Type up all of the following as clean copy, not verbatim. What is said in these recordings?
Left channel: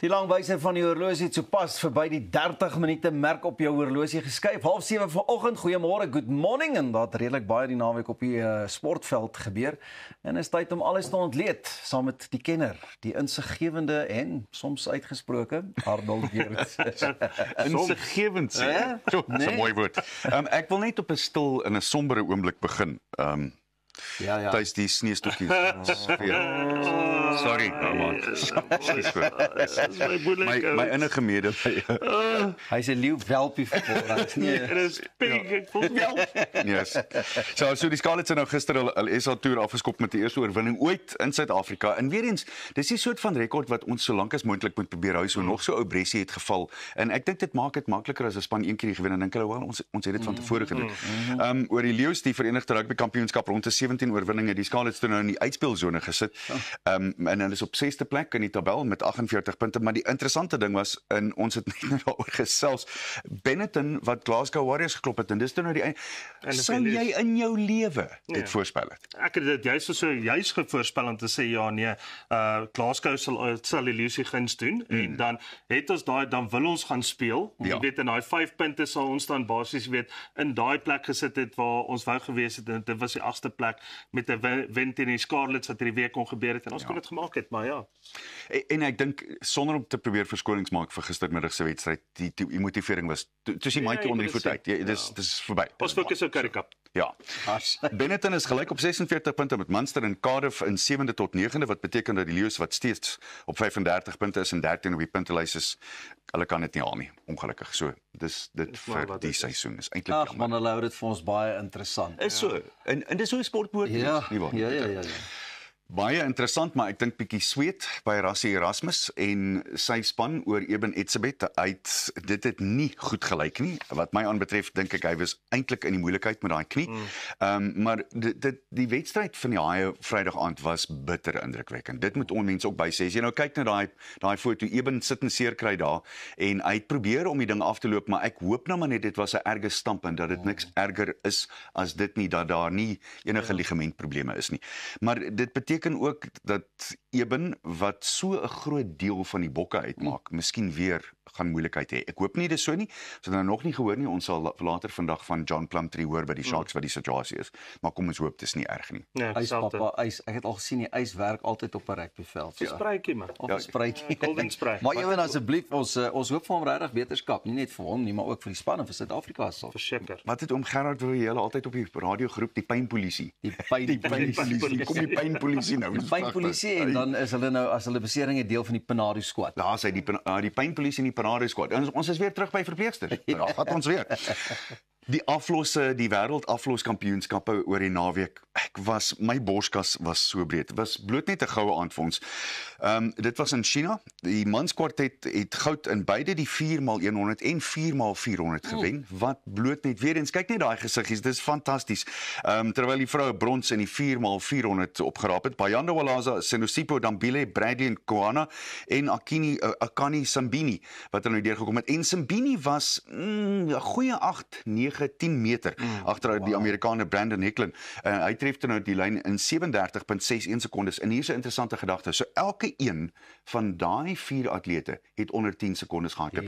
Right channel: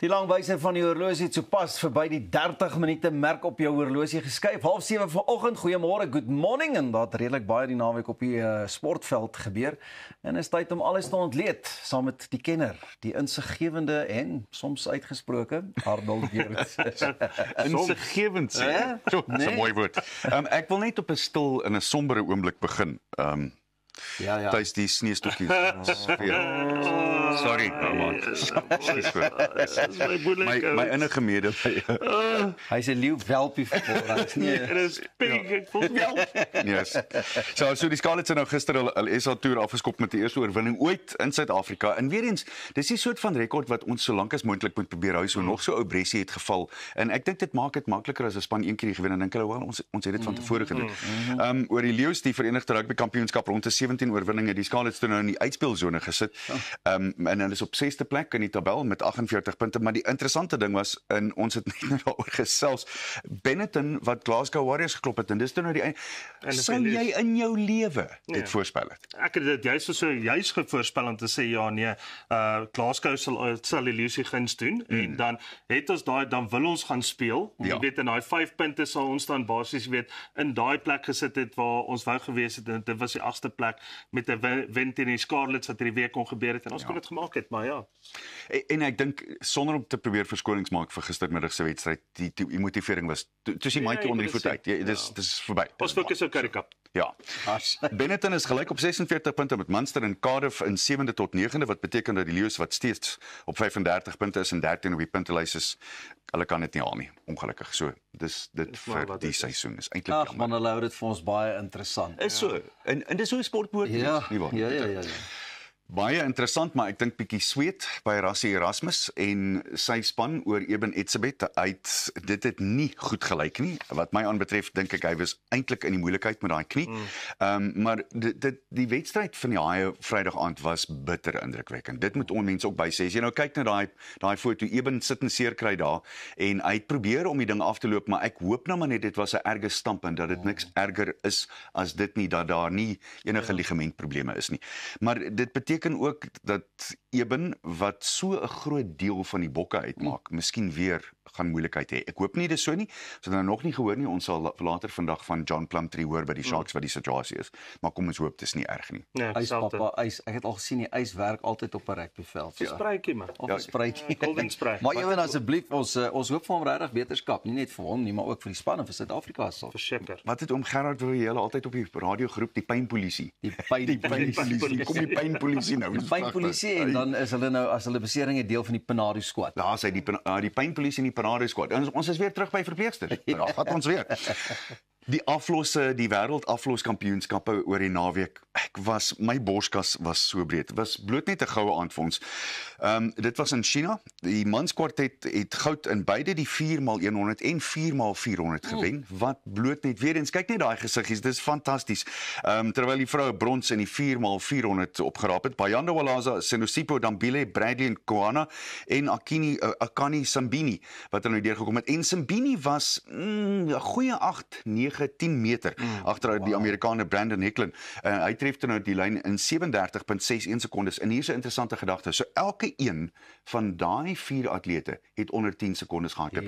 Die langwyser van die horlosie het sopas verby die 30 minute merk op jou horlosie geskuif. 6:30 vanoggend. Goeiemôre, good morning. En daar het redelik baie die naweek op die sportveld gebeur. En is tyd om alles te ontleed saam met die kenner, die insiggewende en soms uitgesproke Arnold Geerts. Insiggewend sê. Dis 'n mooi woord. Ek wil net op 'n stil en 'n sombere oomblik begin. Ja. Tuis die sneeustokkies. Sorry, my innige mede. Hy's 'n leeu welpie vir Yes. So die Scarlets het nou gister hulle SA toer afgeskop met die eerste oorwinning ooit in Suid-Afrika. En weer eens, dis die soort van rekord wat ons so lank as moontlik moet probeer hou. So nog so ou Bressie het geval. En ek dink dit maak dit makliker as 'n span een keer gewen en dink hulle wel ons het dit van tevore gedoen. Oor die Leeu's, die Verenigde Rugby Kampioenskap rond die 17 oorwinninge, die Scarlets toe nou in die uitspeelsone gesit. En hulle is op 6de plek in die tabel met 48 punte, maar die interessante ding was, en ons het net daaroor gesels, Benetton wat Glasgow Warriors geklop het, en dis nou die sou jy in jou lewe dit voorspel het? Ek het dit juist voorspel om te sê, ja nee, Glasgow sal die Leeu's guns doen, en dan het ons dan wil ons gaan speel, jy weet, in daai 5 punte sal ons dan basies weet, in daai plek gesit het waar ons wou gewees het, en dit was die 8ste plek, met 'n wen teen die Scarlets wat hierdie week kon gebeur het, en ons kon dit gemaak het, maar ja. En ek dink, sonder om te probeer verskonings maak vir gistermiddag se wedstryd, die motivering was, toe die maatjie onder die voet uit, dis verby. Ons fokus op Currie Cup. Ja. Benetton is gelyk op 46 punte met Munster en Cardiff in 7de tot 9de, wat beteken dat die Leeu's wat steeds op 35 punte is en 13 op die puntelys is, hulle kan dit nie haal nie, ongelukkig. So, dis dit vir die seisoen is eintlik jammer. Man, hulle hou dit vir ons baie interessant. Is so. En dis so 'n sport moet wees, nie waar? Ja. Baie interessant, maar ek dink bietjie sweet by Rassie Erasmus en sy span oor Eben Etzebeth. Dit het nie goed gelyk nie. Wat my aanbetref, dink ek hy was eintlik in die moeilikheid met daai knie. Maar die wedstryd van die Haie Vrydag aand was bitter indrukwekkend. Dit moet mense ook by sê. As jy nou kyk na daai foto, Eben sit en seer kry daar en hy het probeer om die ding af te loop, maar ek hoop nou maar net dit was 'n erge stamp en dat dit niks erger is as dit nie, dat daar nie enige ligamentprobleme is nie. Maar dit beteken ook dat Eben, wat so 'n groot deel van die bokke uitmaak, miskien weer gaan moeilikheid hê. Ek hoop nie dis so nie. Ons het nou nog nie gehoor nie. Ons sal later vandag van John Plumtree hoor by die Sharks wat die situasie is. Maar kom ons hoop dis nie erg nie. Ja, ek het al gesien die ys werk altyd op 'n rugbyveld. So spruitjie man. Of 'n spruitjie. Maar ewen asseblief, ons hoop vir hom regtig beterskap, nie net vir hom nie, maar ook vir die span en vir Suid-Afrika sal. Verseker. Wat het oom Gerard wou jy altyd op die radio groep die pynpolisie? Die pynpolisie. Kom die pynpolisie nou. Die pynpolisie en dan is hulle nou as hulle besering 'n deel van die Panado squad. Daar is hy die pynpolisie en die Panado squad. Ons is weer terug by verpleegsters. Daar gaan ons weer. Die wêreld afloskampioenskappe oor die naweek. My borskas was so breed. Dit was bloot net 'n goue aand vir ons. Dit was in China. Die manskwartet het goud in beide die 4x100 en 4x400 gewen. Wat bloot net weer eens kyk net daai gesiggies, dis fantasties. Terwyl die vroue brons in die 4x400 opgeraap het. Bayanda Walaza, Senosipo Dambile, Bradley en Koana en Akani Sambini wat er nou deurgekom het. En Sambini was 'n goeie 8, 9, 10 meter agter die Amerikaner Brandon Hecklin. Hy tref toe nou die lyn in 37.61 sekondes. En hier is 'n interessante gedagte. So elke een van daai 4 atlete het onder 10 sekondes gehardloop.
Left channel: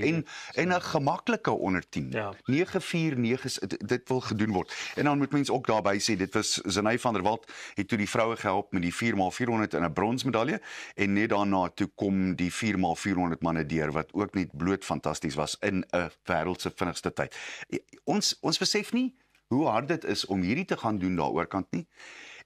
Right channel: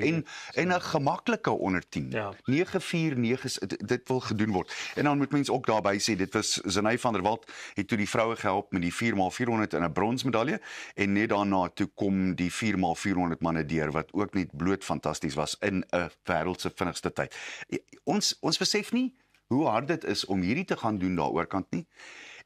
En 'n gemaklike onder 10. 9:49 dit wil gedoen word. En dan moet mense ook daarby sê, dit was Zenay van der Walt het toe die vroue gehelp met die 4x400 in 'n bronsmedalje. En net daarna toe kom die 4x400 manne deur wat ook net bloot fantasties was in 'n wêreld se vinnigste tyd. Ons besef nie hoe hard dit is om hierdie te gaan doen daaroor kant nie.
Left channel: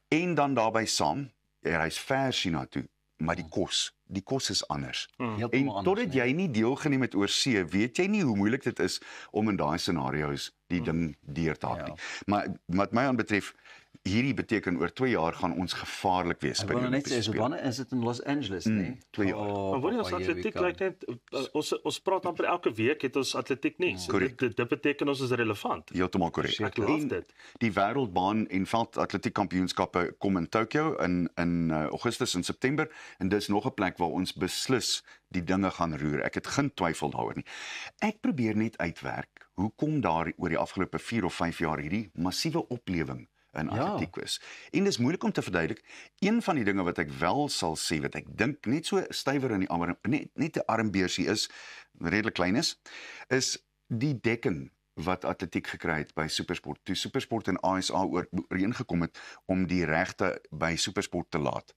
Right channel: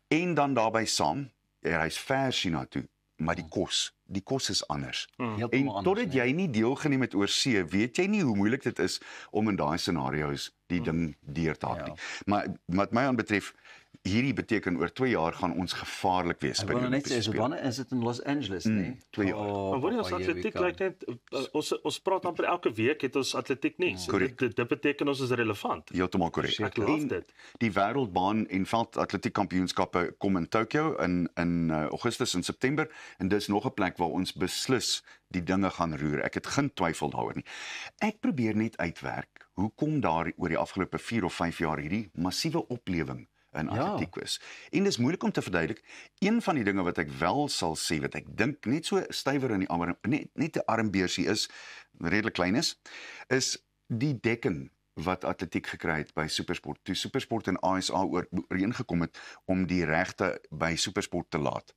En dan daarbey saam, hy's ver China toe, maar die kos is anders. En totdat jy nie deelgeneem het oor see, weet jy nie hoe moeilik dit is om in daai scenario's die ding deur te hak nie. Maar wat my aanbetref, hierdie beteken oor 2 jaar gaan ons gevaarlik wees by die Olympiese Spele. Wanneer is dit in Los Angeles, nee? 2 jaar. Maar wanneer ons atletiek lyk net, ons praat amper elke week het ons atletiek nie. Dit beteken ons is relevant. Heeltemal korrek. Ek love dit. Die wêreldbaan en veldatletiek kampioenskappe kom in Tokyo in Augustus en September en dis nog 'n plek waar ons beslis die dinge gaan roer. Ek het geen twyfel daaroor nie. Ek probeer net uitwerk hoekom daar oor die afgelope 4 of 5 jaar hierdie massiewe oplewing in atletiek is. En dis moeilik om te verduidelik. Een van die dinge wat ek wel sal sê, wat ek dink net so stywer in die arm, net 'n armbeersie is, redelik klein is die dekking wat atletiek gekry het by Supersport. Toe Supersport en ASA ooreengekom het om die regte by Supersport te laat,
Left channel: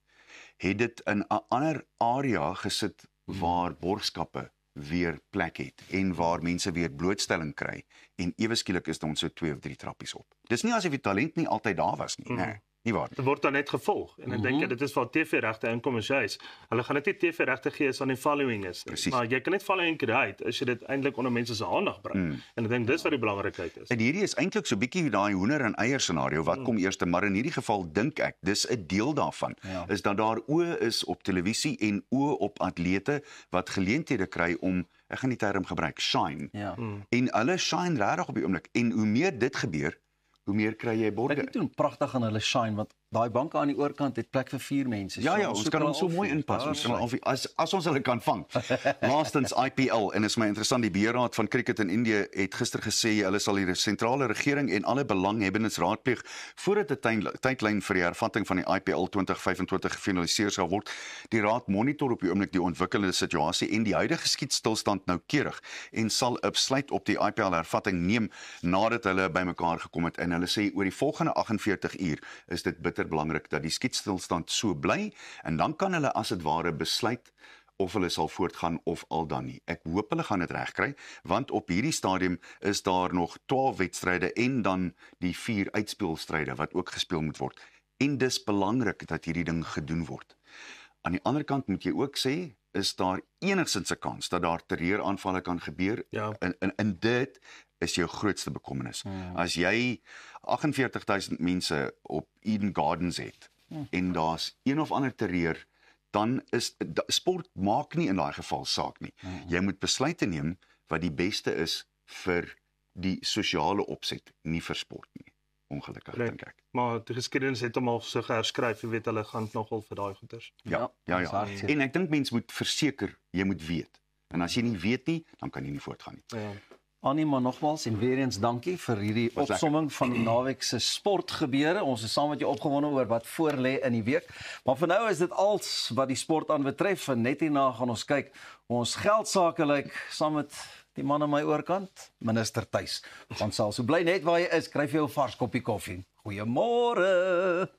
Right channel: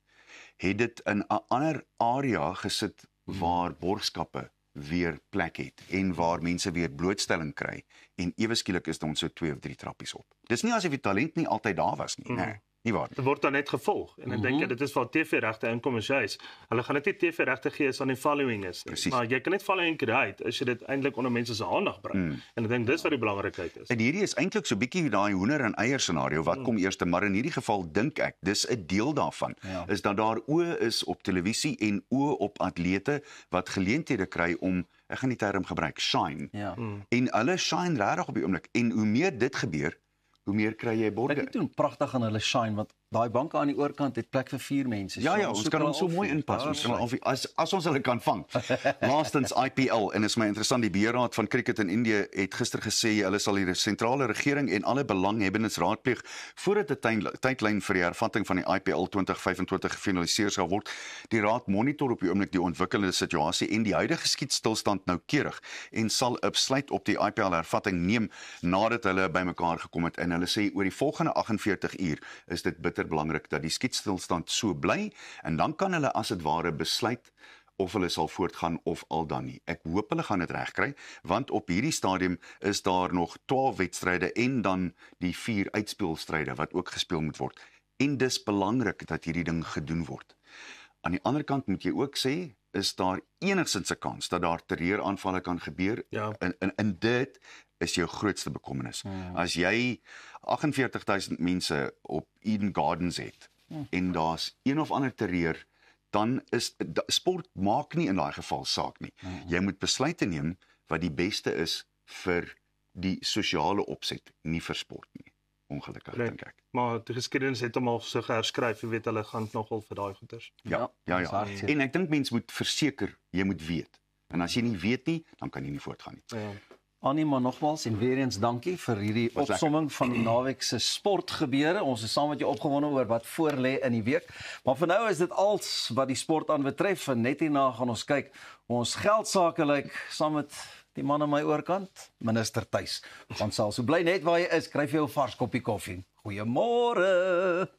het dit in 'n ander area gesit waar borgskappe weer plek het en waar mense weer blootstelling kry en ewe skielik is ons so 2 of 3 trappies op. Dis nie asof die talent nie altyd daar was nie, nee. Nie waar. Dit word dan net gevolg. En dan dink jy dit is waar TV-regte inkom is juis. Hulle gaan dit nie TV-regte gee as aan die following is. Precies. Maar jy kan net following kry as jy dit eintlik onder mense se aandag bring. En ek dink dis wat die belangrikheid is. En hierdie is eintlik so bietjie daai hoender en eier scenario, wat kom eers, maar in hierdie geval dink ek, dis 'n deel daarvan, is dat daar oë is op televisie en oë op atlete wat geleenthede kry om, ek gaan die term gebruik, shine. En hulle shine regtig op die oomblik. En hoe meer dit gebeur, hoe meer kry jy borge. Ek doen pragtig aan hulle shine, want daai banke aan die oorkant het plek vir 4 mense. Ja, ons kan ons so mooi inpas. Ons kan as ons hulle kan vang. Laastens IPL, en is my interessant, die beheerraad van cricket in Indië het gister gesê hulle sal die sentrale regering en alle belanghebbendes raadpleeg voordat 'n tydlyn vir die hervatting van die IPL 2025 gefinaliseer sal word. Die raad monitor op die oomblik die ontwikkelende situasie en die huidige skietstilstand noukeurig en sal 'n besluit op die IPL hervatting neem nadat hulle bymekaar gekom het, en hulle sê oor die volgende 48 uur is dit bitter belangrik dat die skietstilstand so bly, en dan kan hulle as dit ware besluit of hulle sal voortgaan of al dan nie. Ek hoop hulle gaan dit regkry, want op hierdie stadium is daar nog 12 wedstryde en dan die 4 uitspelstryde wat ook gespeel moet word. En dis belangrik dat hierdie ding gedoen word. Aan die ander kant moet jy ook sê, is daar enigstens 'n kans dat daar terreuraanvalle kan gebeur, en dit is jou grootste bekommernis. As jy 48,000 mense op Eden Gardens het, en daar's een of ander terreur, dan is sport maak nie in daai geval saak nie. Jy moet besluite neem wat die beste is vir die sosiale opset, nie vir sport nie. Ongelukkig dink ek. Maar die geskiedenis het hom al so herskryf, jy weet hulle gaan nogal vir daai goeters. Ja. En ek dink mens moet verseker, jy moet weet. En as jy nie weet nie, dan kan jy nie voortgaan nie. Annie, maar nogmaals en weer eens dankie vir hierdie opsomming van die naweek se sportgebeure. Ons is saam met jou opgewonde oor wat voor lê in die week. Maar vir nou is dit als wat die sport aan betref, en net hierna gaan ons kyk hoe ons geldsaake lyk saam met die man aan my oorkant, minister Thuis. Ons sal so bly net waar jy is, kry vir jou vars koppie koffie. Goeiemôre.